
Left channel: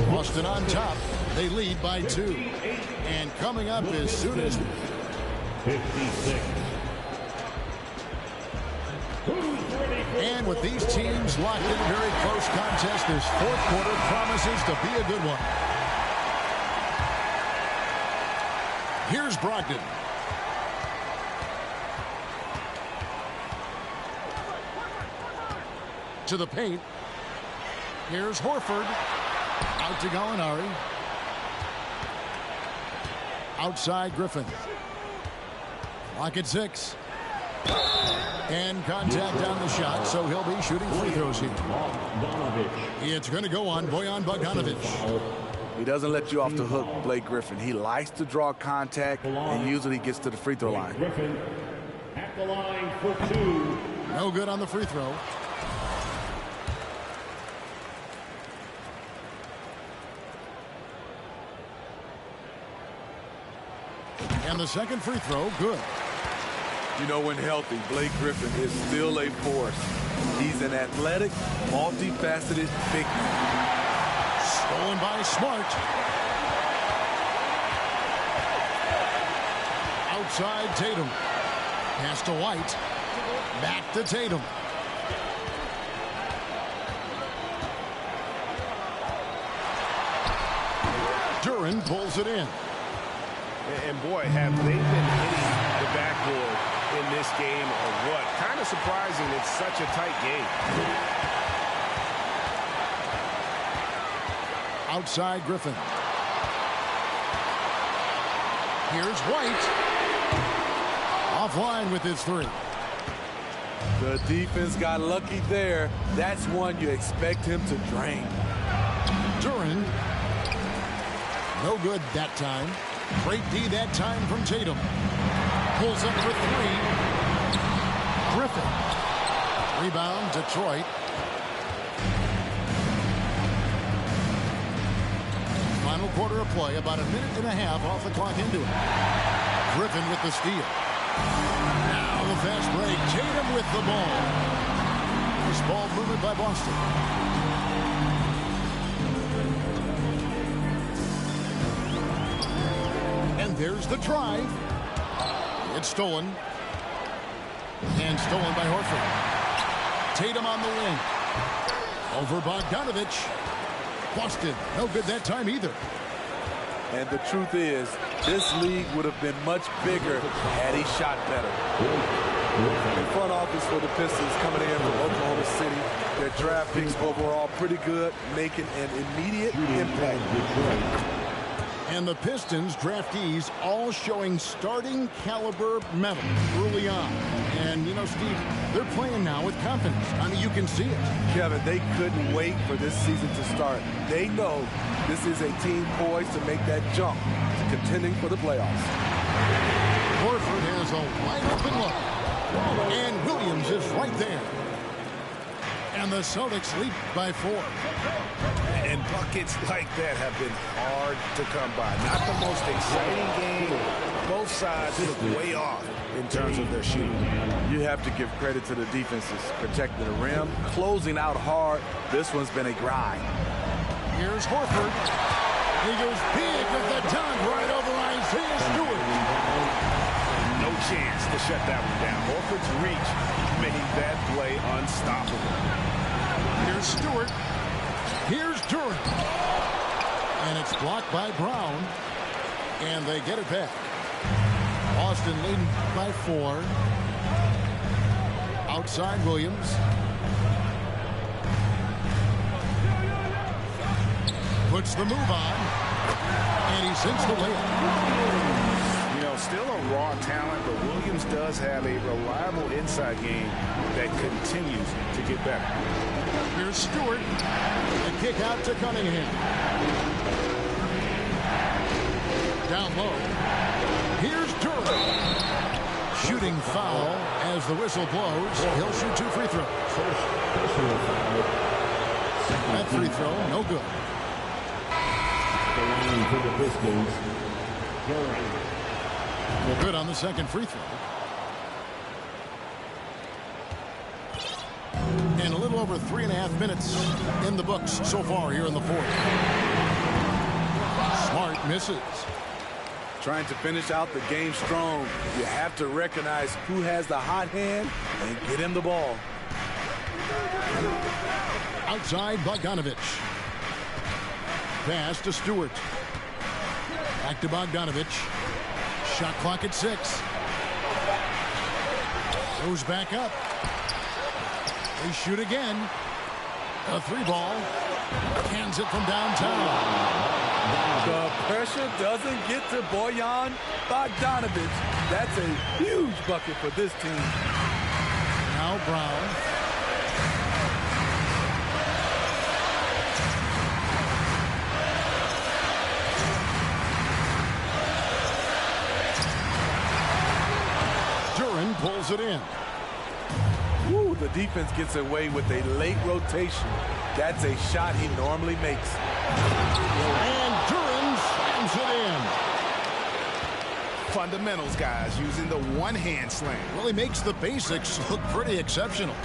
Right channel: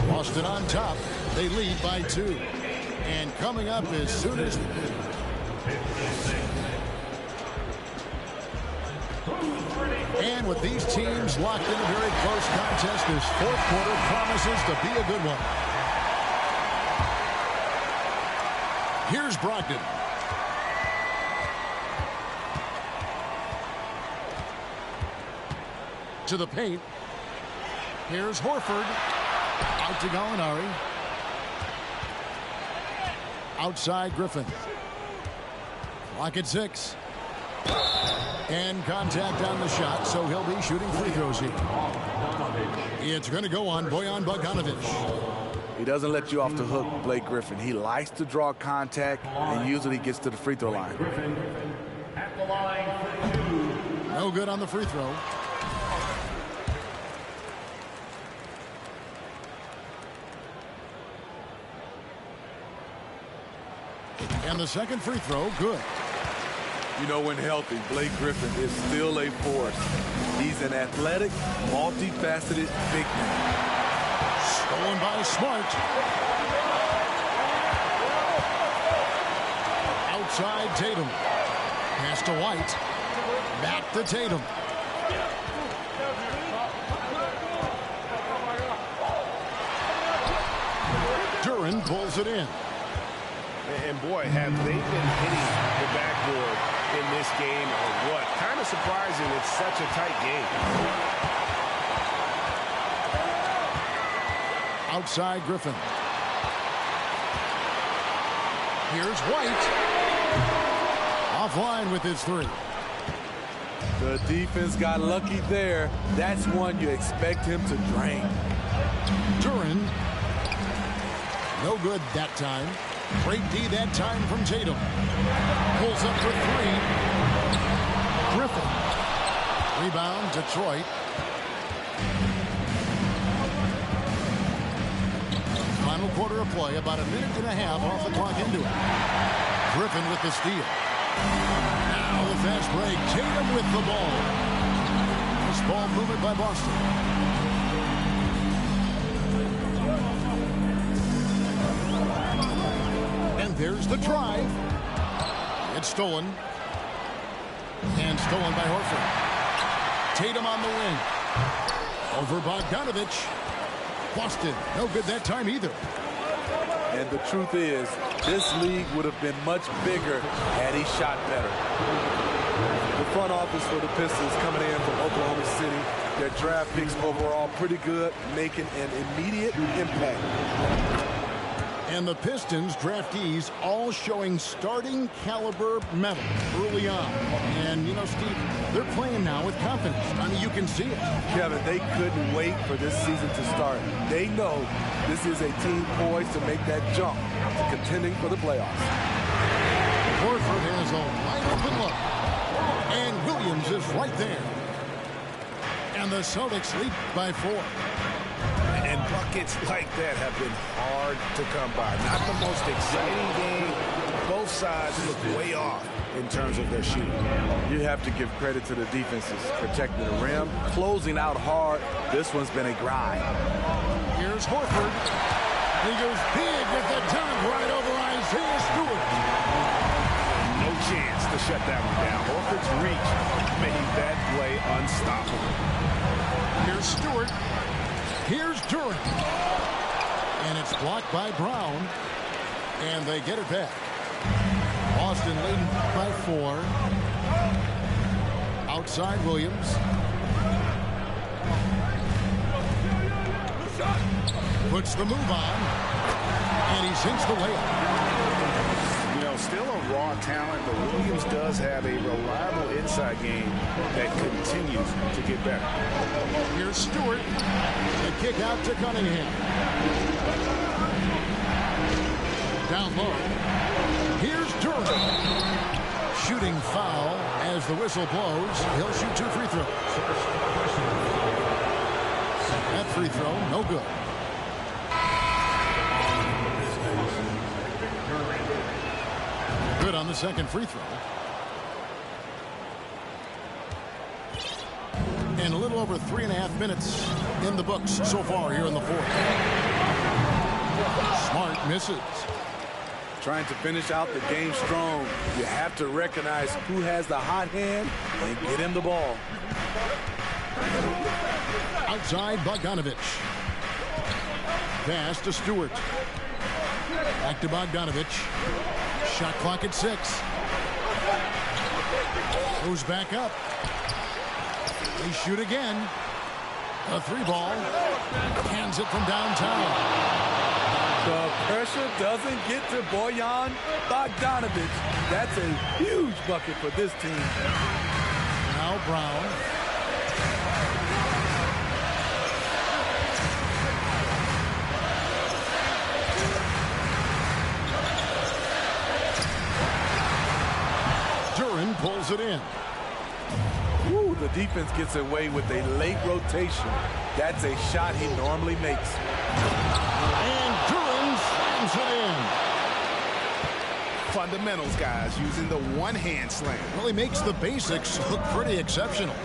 Boston on top. They lead by 2. And coming up as soon as... 56. And with these teams locked in a very close contest, this fourth quarter promises to be a good one. Here's Brogdon. To the paint. Here's Horford. Out to Gallinari. Outside Griffin. Clock at 6. And contact on the shot, so he'll be shooting free throws here. It's going to go on Bojan Bogdanovic. He doesn't let you off the hook, Blake Griffin. He likes to draw contact and usually gets to the free throw line. Griffin at the line for 2. No good on the free throw. And the second free throw, good. You know, when healthy, Blake Griffin is still a force. He's an athletic, multifaceted big man. Stolen by Smart. Outside Tatum. Pass to White. Back to Tatum. Duran pulls it in. And boy, have they been hitting the backboard in this game or what? Kind of surprising. It's such a tight game. Outside Griffin. Here's White. Offline with his 3. The defense got lucky there. That's one you expect him to drain. Duran. No good that time. Great D that time from Tatum. Pulls up for 3. Griffin. Rebound, Detroit. Final quarter of play, about a minute and a half off the clock into it. Griffin with the steal. Now the fast break. Tatum with the ball. This ball movement by Boston. And there's the drive. It's stolen. And stolen by Horford. Tatum on the wing. Over Bogdanovic. Boston, no good that time either. And the truth is, this league would have been much bigger had he shot better. The front office for the Pistons coming in from Oklahoma City. Their draft picks overall pretty good, making an immediate impact. And the Pistons draftees all showing starting caliber metal early on. And, you know, Steve, they're playing now with confidence. I mean, you can see it. Kevin, they couldn't wait for this season to start. They know this is a team poised to make that jump to contending for the playoffs. Horford has a wide open look. And Williams is right there. And the Celtics lead by 4. And buckets like that have been hard to come by. Not the most exciting game. Both sides look way off in terms of their shooting. You have to give credit to the defenses, protecting the rim, closing out hard. This one's been a grind. Here's Horford. He goes big with the dunk right over Isaiah Stewart. No chance to shut that one down. Horford's reach made that play unstoppable. Here's Stewart. Here's Duran. And it's blocked by Brown. And they get it back. Boston leading by 4. Outside Williams. Puts the move on. And he sinks the layup. know, still a raw talent, but Williams does have a reliable inside game that continues to get better. Here's Stewart. The kick out to Cunningham. Down low. Here's Durham. Shooting foul as the whistle blows. He'll shoot 2 free throws. That free throw, no good. Good on the second free throw. And a little over 3.5 minutes in the books so far here in the fourth. Smart misses. Trying to finish out the game strong, you have to recognize who has the hot hand and get him the ball. Outside Bogdanovich. Pass to Stewart. Back to Bogdanovich. Shot clock at 6. Goes back up. They shoot again. A 3-ball. Hands it from downtown. The pressure doesn't get to Bojan Bogdanovich. That's a huge bucket for this team. Now Brown. Duran pulls it in. Ooh, the defense gets away with a late rotation. That's a shot he normally makes. And Duran slams it in. Fundamentals, guys, using the one-hand slam. Well, he makes the basics look pretty exceptional.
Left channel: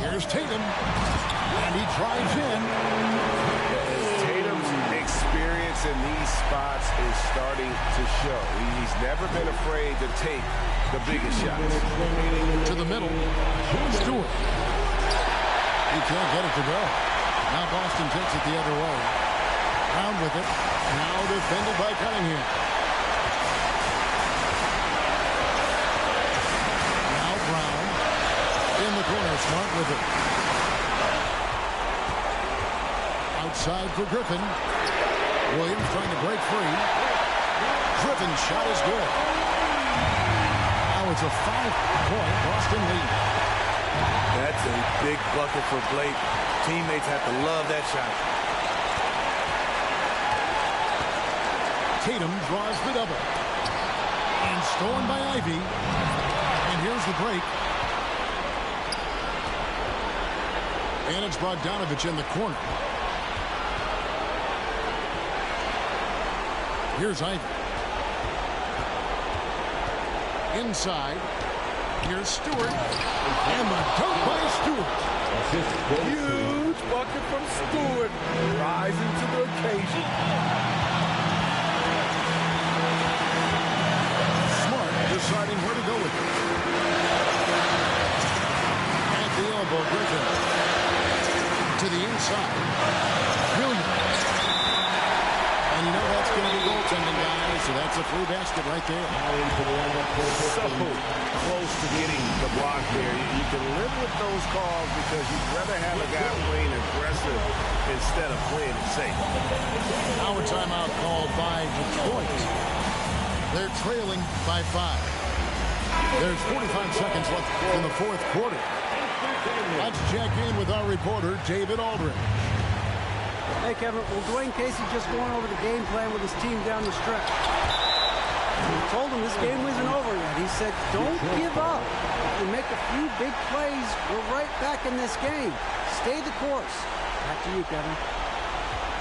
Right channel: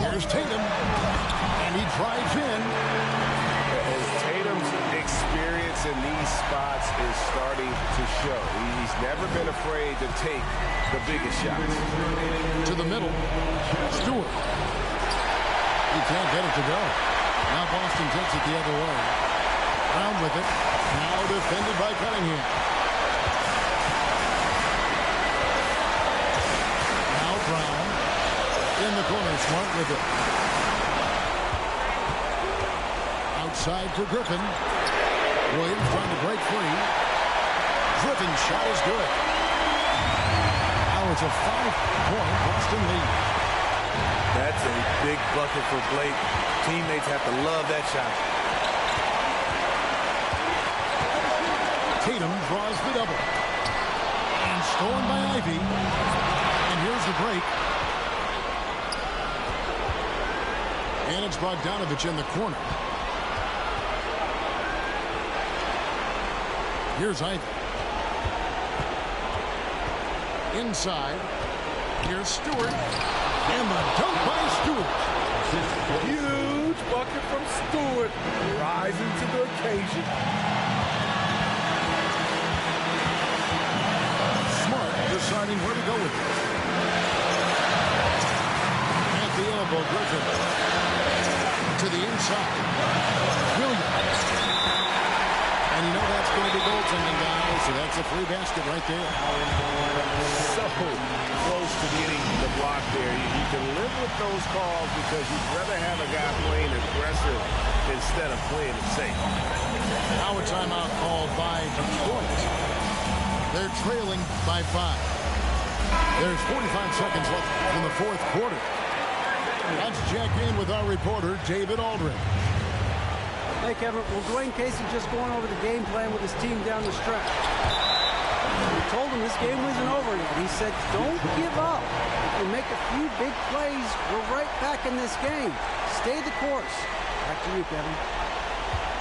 Here's Tatum. And he drives in. As Tatum's experience in these spots is starting to show. He's never been afraid to take the biggest shots. To the middle. Stewart. He can't get it to go. Now Boston takes it the other way. Brown with it. Now defended by Cunningham. Now Brown. In the corner. Smart with it. Outside for Griffin. Williams trying to break free. Griffin's shot is good. Now it's a 5-point Boston lead. That's a big bucket for Blake. Teammates have to love that shot. Tatum draws the double. And stolen by Ivy. And here's the break. And it's Bogdanovich in the corner. Here's Ivy. Inside. Here's Stewart. And the dunk by Stewart. Huge bucket from Stewart. Rising to the occasion. Smart deciding where to go with it. At the elbow, Griffin. To the inside. Williams. And you know that's going to be goaltending, guys. So that's a free basket right there. So close to getting the block there. You can live with those calls because you'd rather have a guy playing aggressive instead of playing it safe. Now a timeout called by Detroit. They're trailing by 5. There's 45 seconds left in the fourth quarter. Let's check in with our reporter, David Aldridge. Hey, Kevin, well, Dwayne Casey just going over the game plan with his team down the stretch. We told him this game wasn't over yet. He said, don't give up. If we make a few big plays, we're right back in this game. Stay the course. Back to you, Kevin.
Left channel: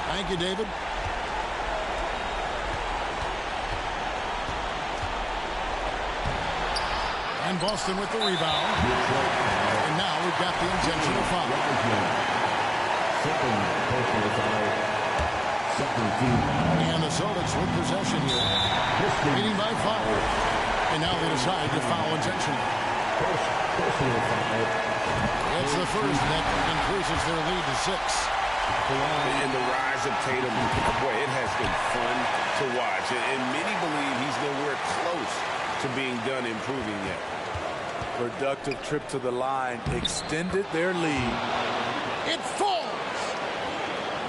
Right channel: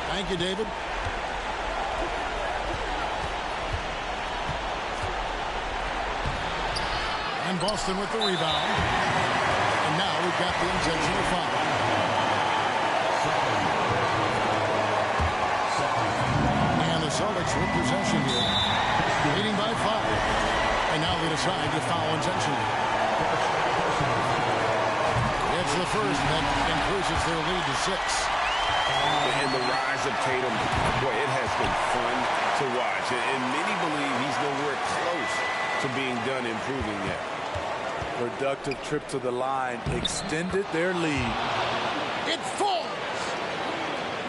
Thank you, David. And Boston with the rebound. And now we've got the intentional foul. And the Celtics with possession here, leading by 5. And now they decide to foul intentionally. It's the first that increases their lead to 6. And the rise of Tatum, boy, it has been fun to watch. And many believe he's nowhere close to being done improving yet. Productive trip to the line extended their lead. It falls.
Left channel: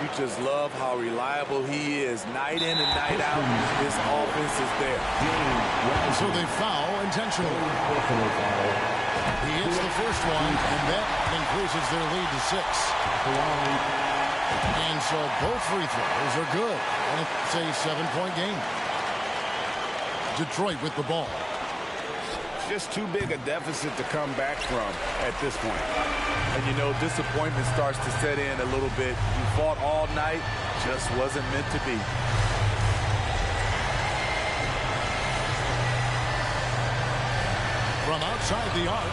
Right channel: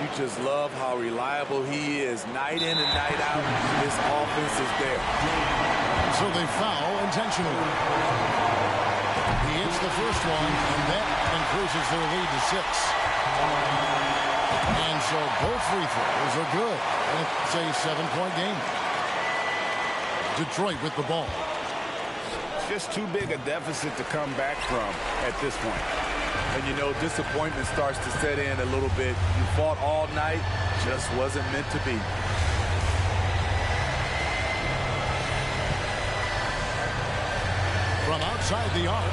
You just love how reliable he is. Night in and night out, his offense is there. And so they foul intentionally. He hits the first one, and that increases their lead to 6. And so both free throws are good. And it's a 7-point game. Detroit with the ball. Just too big a deficit to come back from at this point. And, you know, disappointment starts to set in a little bit. You fought all night, just wasn't meant to be. From outside the arc.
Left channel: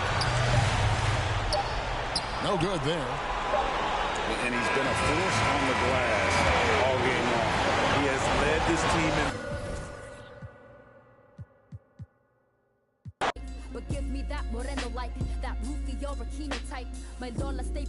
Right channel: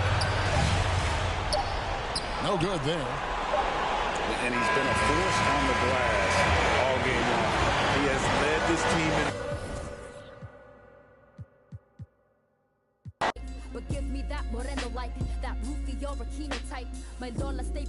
No good there. And he's been a force on the glass all game long. He has led this team in. But give me that moreno like that Rufio Aquino type. My Lola stay